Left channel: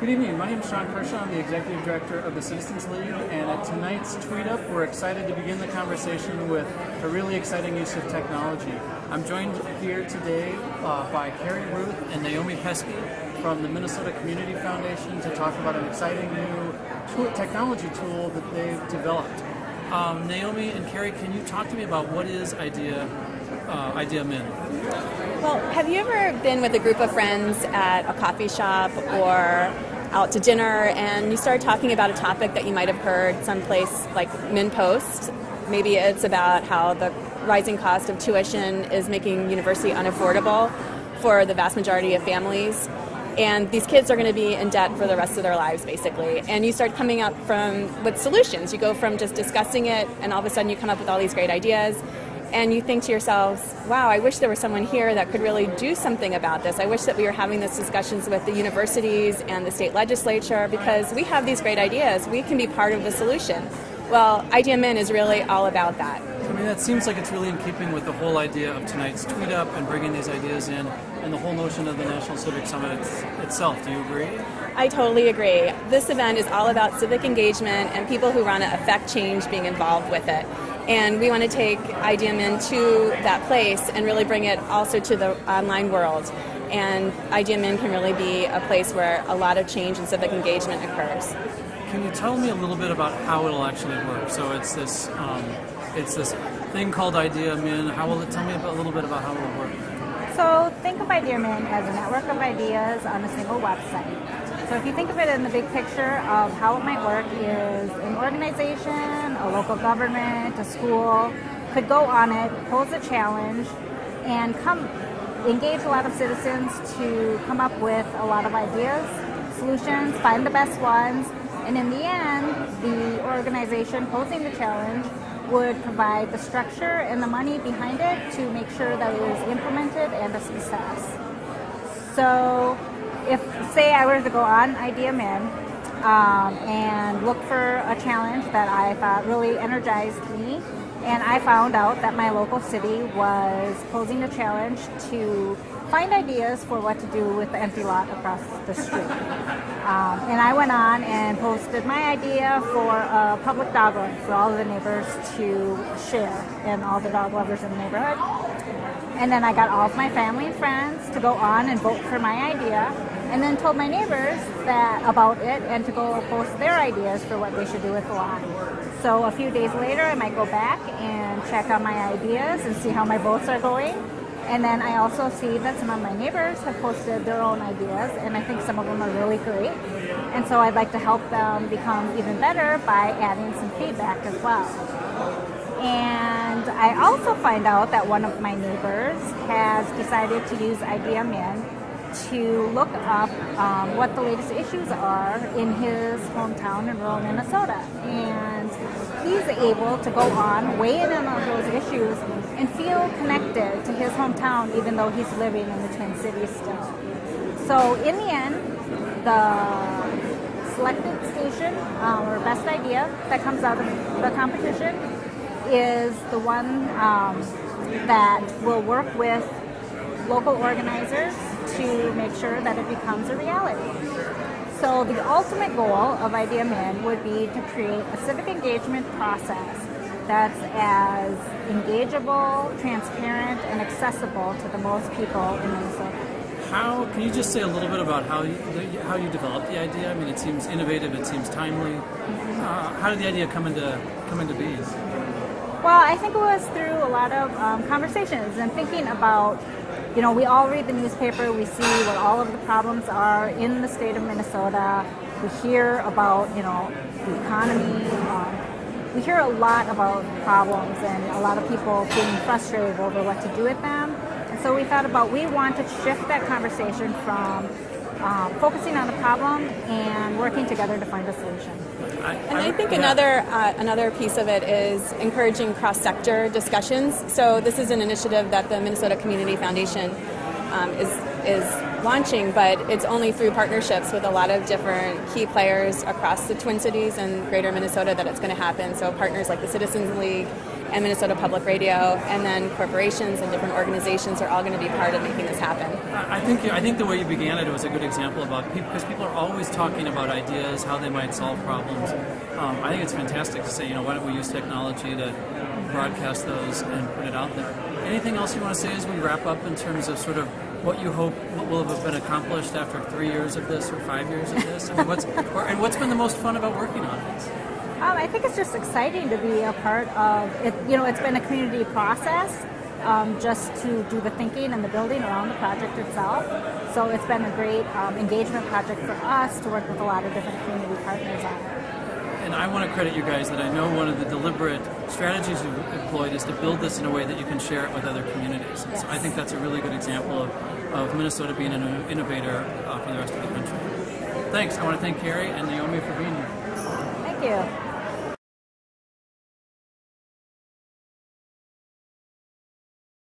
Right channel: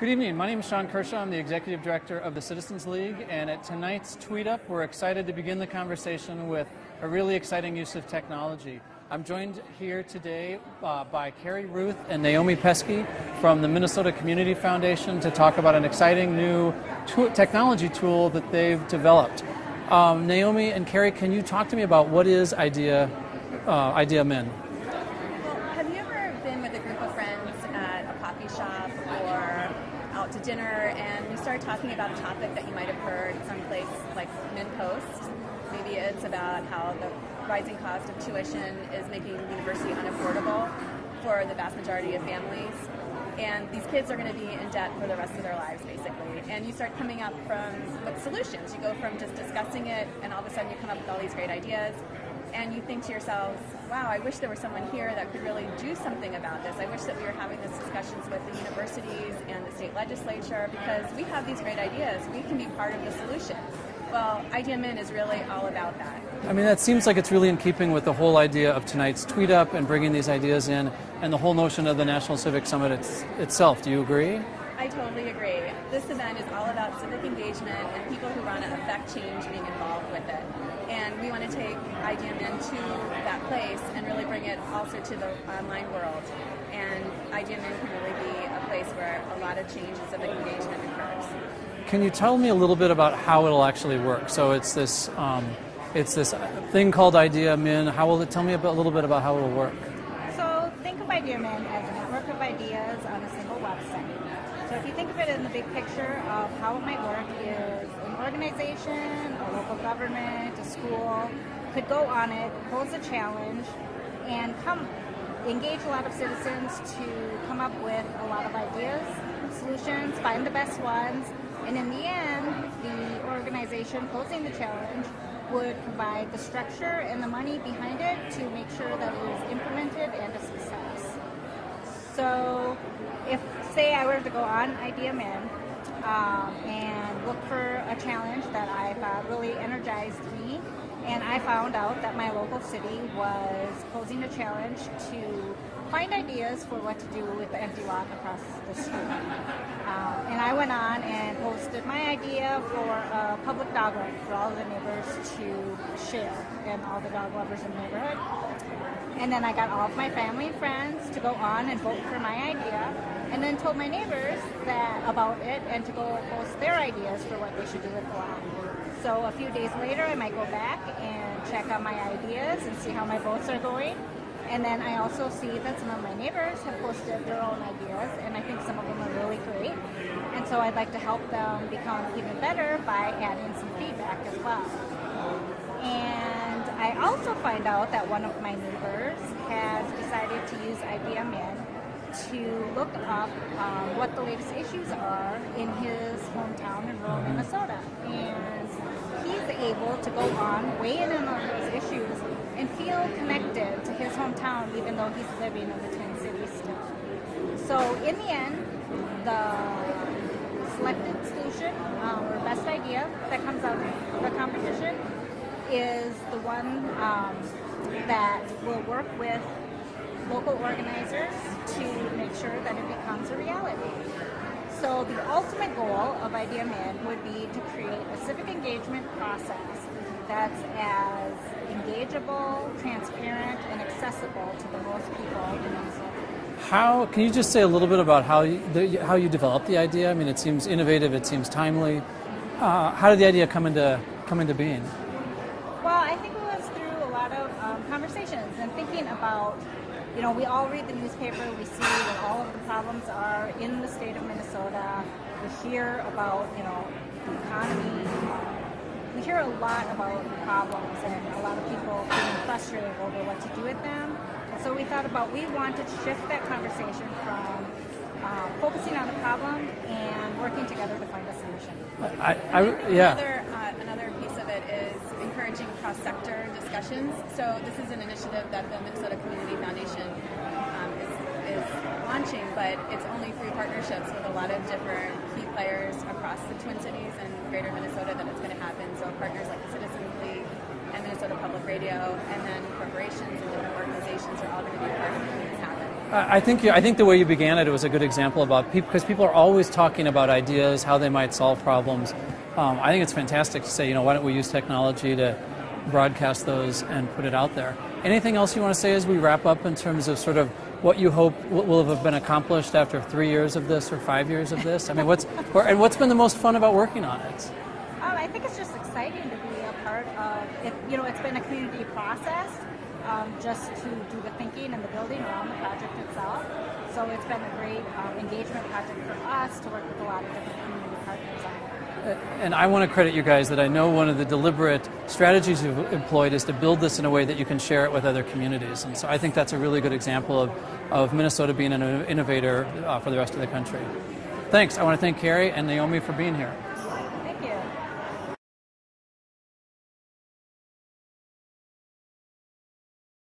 Good evening. My name is Sean Kershaw. I'm the Executive Director of the Citizens League, and at tonight's Tweet Up, we're excited to begin the conversation with a really exciting use of technology. I'm joined here today by Carrie Ruth and Naomi Pesky from the Minnesota Community Foundation to talk about an exciting new technology tool that they've developed. Naomi and Carrie, can you talk to me about what is IdeaMin? Well, have you ever been with a group of friends at a coffee shop or out to dinner and you start talking about a topic that you might have heard someplace like MinnPost? Maybe it's about how the rising cost of tuition is making university unaffordable for the vast majority of families. And these kids are going to be in debt for the rest of their lives, basically. And you start coming up with solutions. You go from just discussing it, and all of a sudden you come up with all these great ideas. And you think to yourselves, wow, I wish there was someone here that could really do something about this. I wish that we were having these discussions with the universities and the state legislature, because we have these great ideas. We can be part of the solution. Well, IdeaMin is really all about that. I mean, that seems like it's really in keeping with the whole idea of tonight's Tweet Up and bringing these ideas in, and the whole notion of the National Civic Summit itself. Do you agree? I totally agree. This event is all about civic engagement and people who want to affect change being involved with it. And we want to take IdeaMin to that place and really bring it also to the online world. And IdeaMin can really be a place where a lot of change and civic engagement occurs. Can you tell me a little bit about how it'll actually work? So it's this thing called IdeaMin. Tell me a little bit about how it'll work? So think of IdeaMin as a network of ideas on a single website. So if you think of it in the big picture of how it might work is an organization, a local government, a school could go on it, pose a challenge, and engage a lot of citizens to come up with a lot of ideas, solutions, find the best ones, and in the end, the organization posing the challenge would provide the structure and the money behind it to make sure that it is implemented and a success. So if, say, I were to go on IdeaMin and look for a challenge that I thought really energized me, and I found out that my local city was posing a challenge to find ideas for what to do with the empty lot across the street. And I went on and posted my idea for a public dog run for all of the neighbors to share and all the dog lovers in the neighborhood. And then I got all of my family and friends to go on and vote for my idea, and then told my neighbors about it and to go post their ideas for what they should do with the lot. So a few days later, I might go back and check on my ideas and see how my votes are going. And then I also see that some of my neighbors have posted their own ideas, and I think some of them are really great. And so I'd like to help them become even better by adding some feedback as well. And I also find out that one of my neighbors has decided to use IdeaMin to look up what the latest issues are in his hometown in rural Minnesota. And he's able to go on, weigh in on those issues, and feel connected to his hometown even though he's living in the Twin Cities still. So in the end, the selected station or best idea that comes out of the competition is the one that will work with local organizers to make sure that it becomes a reality. So the ultimate goal of IdeaMin would be to create a civic engagement process that's as engageable, transparent, and accessible to the most people in Minnesota. Can you just say a little bit about how you developed the idea? I mean, it seems innovative, it seems timely. How did the idea come into being? Well, I think it was through a lot of conversations and thinking about, we all read the newspaper, we see what all of the problems are in the state of Minnesota. We hear about, the economy. We hear a lot about problems and a lot of people being frustrated over what to do with them. And so we thought about, we want to shift that conversation from focusing on the problem and working together to find a solution. I think another piece of it is encouraging cross-sector discussions. So this is an initiative that the Minnesota Community Foundation is launching, but it's only through partnerships with a lot of different key players across the Twin Cities and greater Minnesota that it's going to happen. So partners like the Citizens League and Minnesota Public Radio, and then corporations and different organizations are all going to be part of making this happen. I think the way you began it was a good example about people, because people are always talking about ideas, how they might solve problems. I think it's fantastic to say, why don't we use technology to broadcast those and put it out there. Anything else you want to say as we wrap up in terms of sort of what you hope will have been accomplished after 3 years of this or 5 years of this? I mean, what's been the most fun about working on it? I think it's just exciting to be a part of it. It's been a community process, just to do the thinking and the building around the project itself. So it's been a great engagement project for us to work with a lot of different community partners on it. And I want to credit you guys that I know one of the deliberate strategies you've employed is to build this in a way that you can share it with other communities. And so I think that's a really good example of Minnesota being an innovator for the rest of the country. Thanks. I want to thank Carrie and Naomi for being here. Thank you.